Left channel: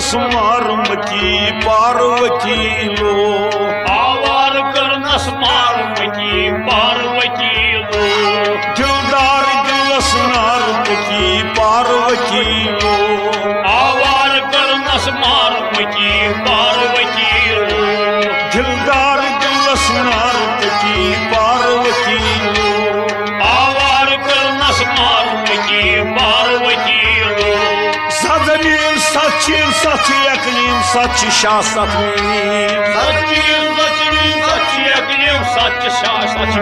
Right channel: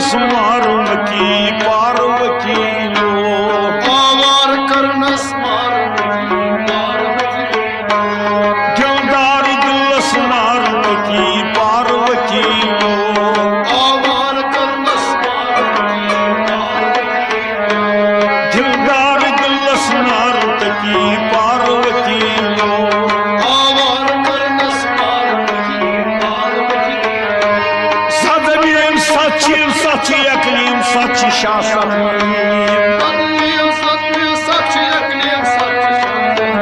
करनस मारुन की पार्वती लो, आवार करनस मारुन की पार्वती लो, दिलदार दिलस मारुन की पार्वती लो, आवार करनस मारुन की पार्वती लो, दिलदार दिलस मारुन की पार्वती लो, आवार करनस मारुन की पार्वती लो, सदमीन सच्ची सच्ची अकलीम सच्ची शासक सतमीन सतमीन सच्ची अकलीम सच्ची शासक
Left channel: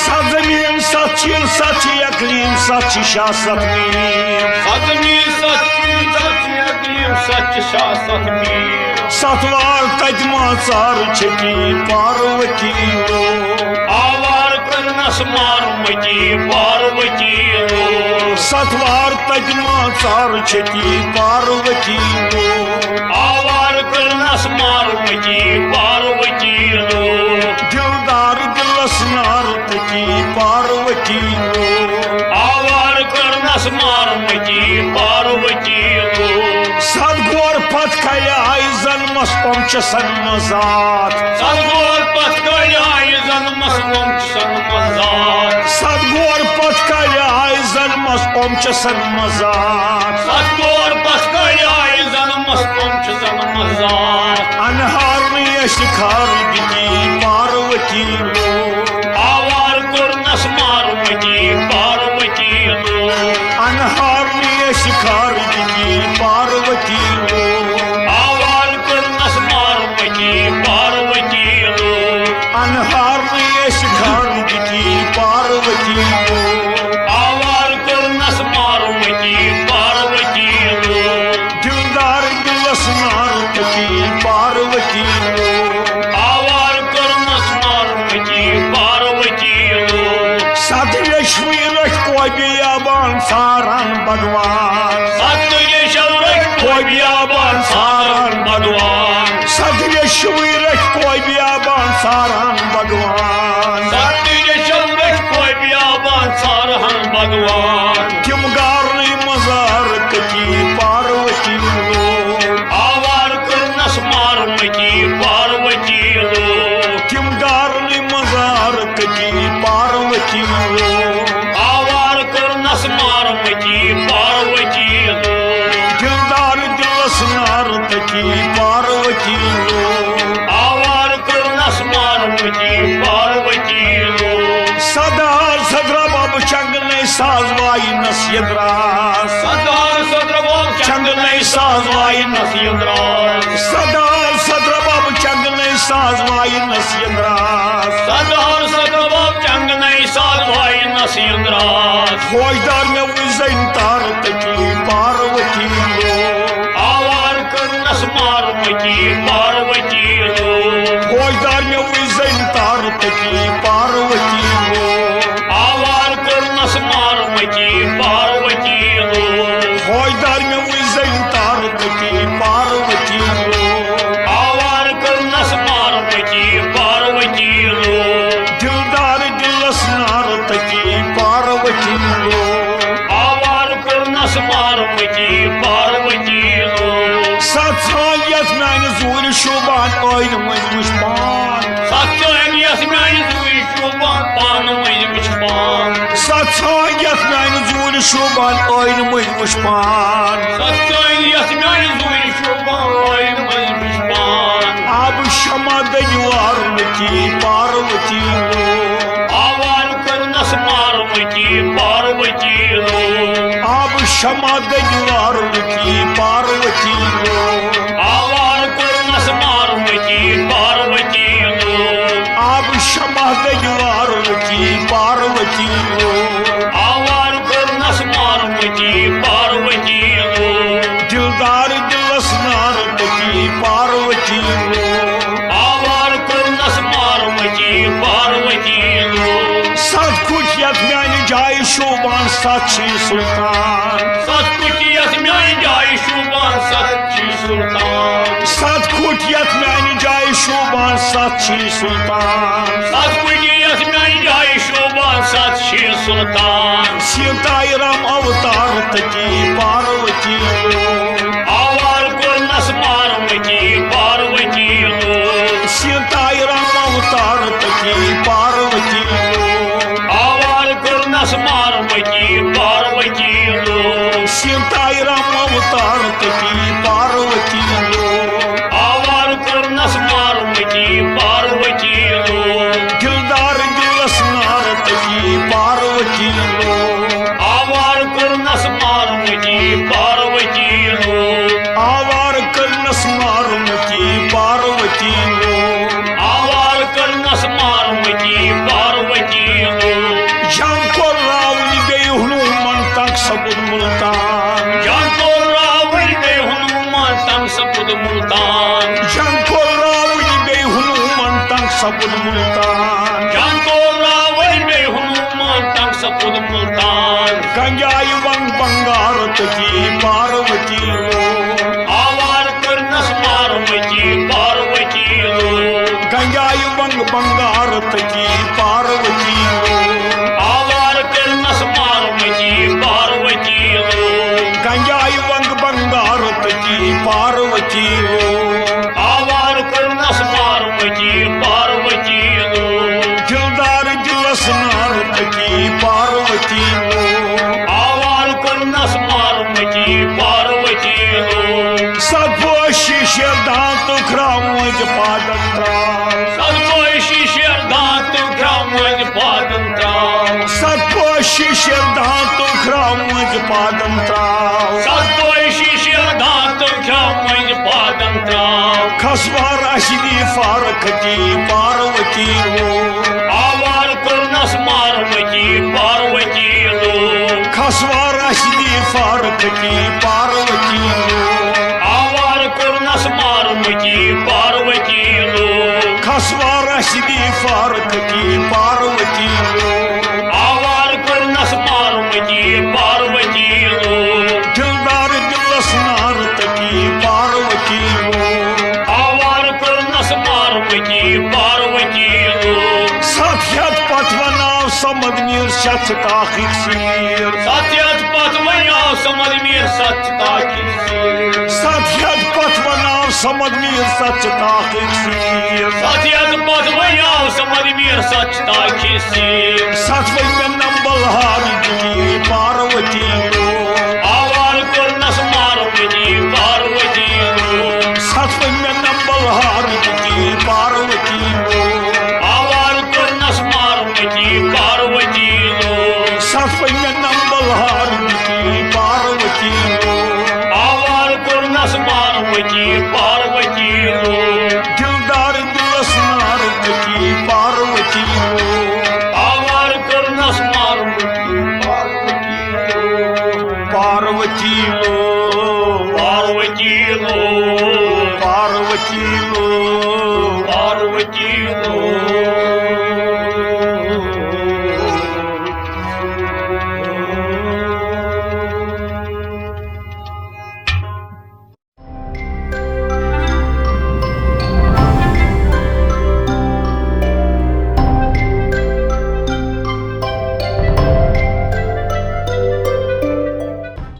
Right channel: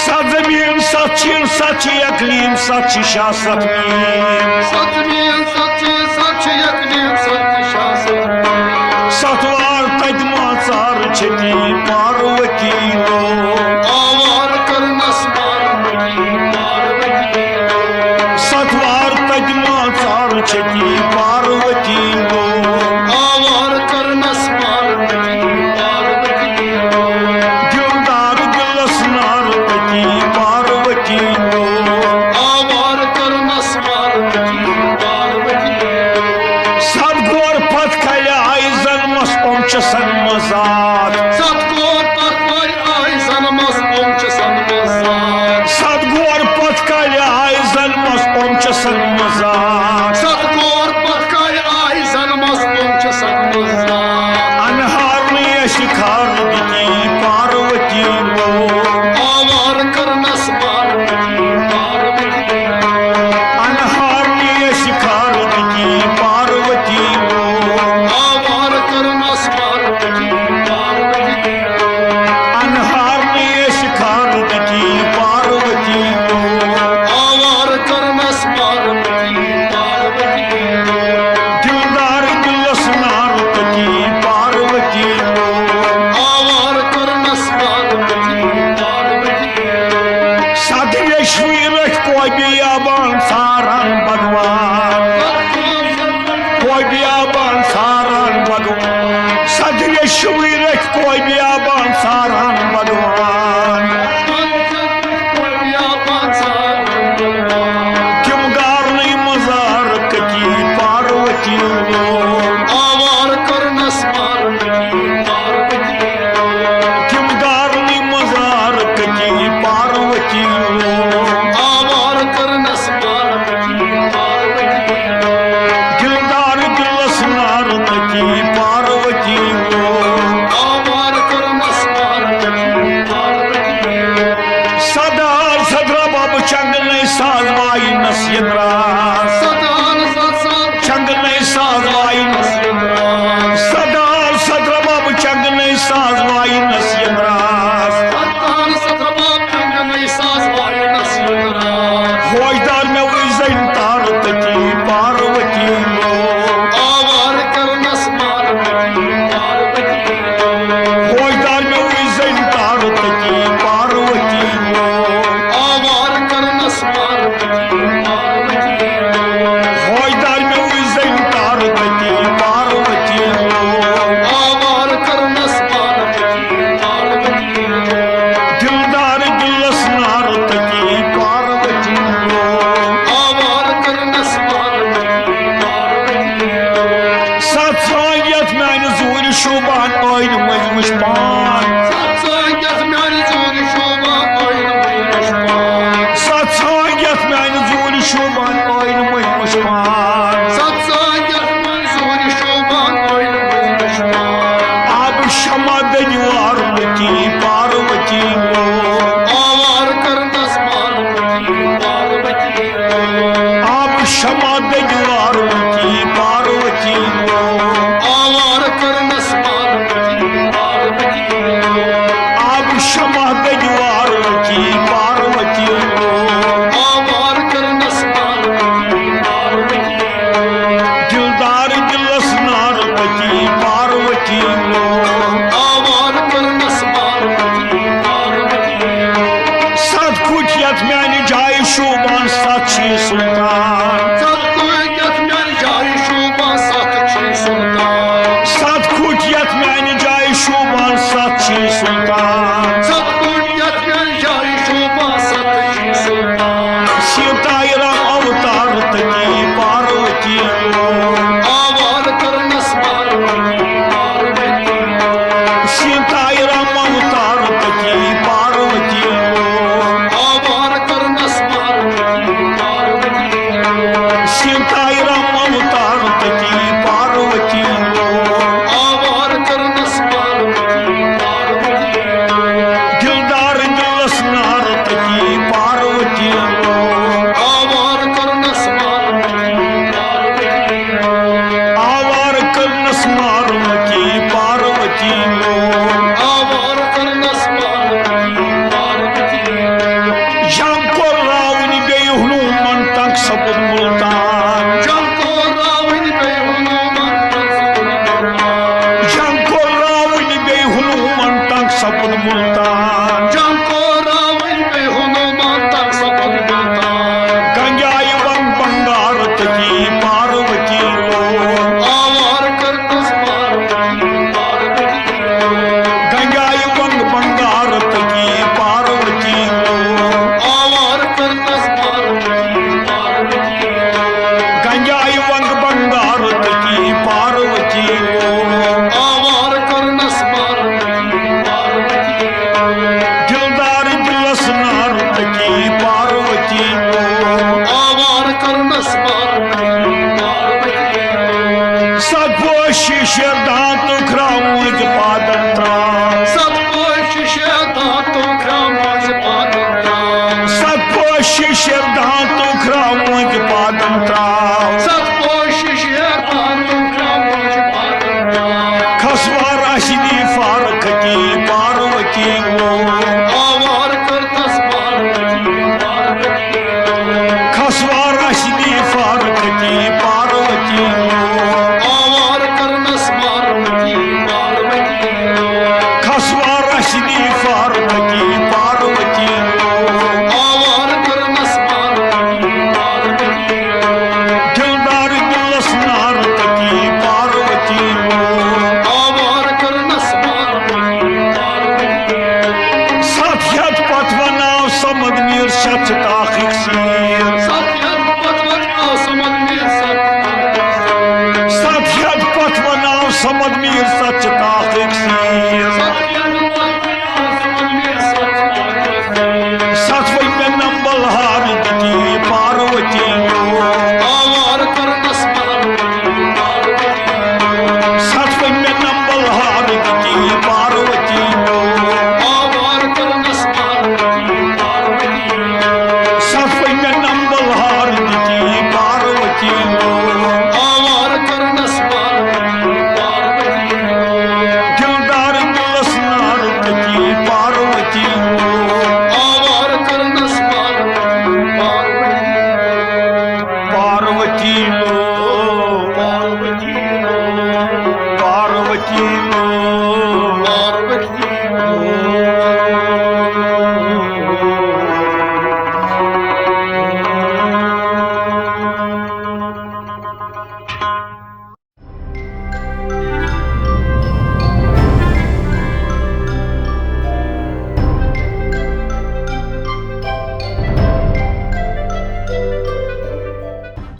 सदमीन सच्ची सच्ची अकलीम सच्ची शासक सतमीन सतमीन सच्ची अकलीम सच्ची शासक सतवार तजमा चार छकी पार्वती लो, आवार करनस मारुन की पार्वती लो, सतवार तजमा चार छकी पार्वती लो, आवार करनस मारुन की पार्वती लो, दिलदार दिलस नार की पार्वती लो, आवार करनस मारुन की पार्वती लो, सदगोर पत कले आई जन्मस पमच सन्मजात, सतगोर पत कल आई जन्मस पमच सन्मजात, सदगोर पत कले आई जन्मस पमच सन्मजात, सतगोर पत कल आई जन्मस पमच सन्मजात, अनहार शिखार की पार्वती लो, आवार करनस मारुन की पार्वती लो, अनहार शिखार की पार्वती लो, आवार करनस मारुन की पार्वती लो, अनहार शिखार की पार्वती लो, आवार करनस मारुन की पार्वती लो, दिलदार दिलस नार की पार्वती लो, आवार करनस मारुन की पार्वती लो, सतयश्वी रख कोबियाबान सारन भगवान, कोबियाबान सारन भगवान, सतयश्वी रख कोबियाबान सारन भगवान, किम गारनी मजारक की पार्वती लो, आवार करनस मारुन की पार्वती लो, किम गारनी मजारक की पार्वती लो, आवार करनस मारुन की पार्वती लो, दिलदार दिलस नार की पार्वती लो, आवार करनस मारुन की पार्वती लो, सदा सदरा बाब चंग नहीं साजवाई नसीद्रास, चंग नहीं साजवाई नसीद्रास, सदा सदरा बाब चंग नहीं साजवाई नसीद्रास, खोजदार में उजैन तार की पार्वती लो, आवार करनस मारुन की पार्वती लो, खोजदार में उजैन तार की पार्वती लो, आवार करनस मारुन की पार्वती लो, खोजदार में उजैन तार की पार्वती लो, आवार करनस मारुन की पार्वती लो, दिलदार दिलस नार की पार्वती लो, आवार करनस मारुन की पार्वती लो, सत्सायत मैंने जूर शुबान ओइन मज मुश्पान, सत्संगयत म्यानि जूर शोभान ओइन मज मुश्पान, सत्सायत मैंने जूर शुबान ओइन मज मुश्पान, सत्संगयत म्यानि जूर शोभान ओइन मज मुश्पान, अब क्षमा दयुआर की पार्वती लो, आवार करनस मारुन की पार्वती लो, अब क्षमा दयुआर की पार्वती लो, आवार करनस मारुन की पार्वती लो, अब क्षमा दयुआर की पार्वती लो, आवार करनस मारुन की पार्वती लो, दिलदार दिलस नार की पार्वती लो, आवार करनस मारुन की पार्वती लो, सत कुछ यथ म्यानि जाय शोभान सच्ची सुल्तान, सतकुटियत म्यानि जाय शोभान सच्ची सुल्तान, सत कुछ यथ म्यानि जाय शोभान सच्ची सुल्तान, सतकुटियत म्यानि जाय शोभान सच्ची सुल्तान, सीताई राम अवतार की पार्वती लो, आवार करनस सीताई राम अवतार तकी पार्वती लो आवार करनस पार्वती पार्वती लो दिलदार दिलस नार तकी पार्वती लो आवार करनस पार्वती पार्वती लो आवार करनस मारुमती पार्वती लो आवार करनस पार्वती पार्वती लो जंको रावण गई हनुमान तक सपुद मुल्तान जंको रावण गए हनुमान तक सपुद मुल्तान जंको रावण गई हनुमान तक सपुद मुल्तान जंको रावण गए हनुमान तक सपुद मुल्तान गंगाई वंग बंगार तकी पार्वती लो आवार करनस पार्वती पार्वती लो गंगाई वंग बंगार तकी पार्वती लो आवार करनस पार्वती पार्वती लो गंगाई वंग बंगार तकी पार्वती लो आवार करनस पार्वती पार्वती लो दिलदार दिलस नार तकी पार्वती लो आवार करनस पार्वती पार्वती लो सत्पोषी दांत ख्रामुज पादम त्राम सत्पोषी दांत ख्रामुज पादम त्राम सत्पोषी दांत ख्रामुज पादम त्राम सत्पोषी दांत ख्रामुज पादम त्राम खसवार अशदी फारक की पार्वती लो आवार करनस पार्वती पार्वती लो खसवार अशदी फारक की पार्वती लो आवार करनस पार्वती पार्वती लो खसवार अशदी फारक की पार्वती लो आवार करनस पार्वती पार्वती लो दिलदार दिलस नार तकी पार्वती लो आवार करनस पार्वती पार्वती लो सत्यत पथवनाव समद मीर शत ताखिक सीर सत्यत पथ बन्याव समद मीर सच ताकिब सत्यत पथवनाव समद मीर सच ताखिक सीर सत्यत पथ बन्याव समद मीर सच ताकिब सतवई में नंबल हारी की पार्वती लो आवार करनस पार्वती पार्वती लो सतवई में नंबल हारी की पार्वती लो आवार करनस पार्वती पार्वती लो सतवई में नंबल हारी की पार्वती लो आवार करनस पार्वती पार्वती लो दिलदार दिलस नार की पार्वती लो आवार करनस पार्वती पार्वती लो पार्वती लो पार्वती लो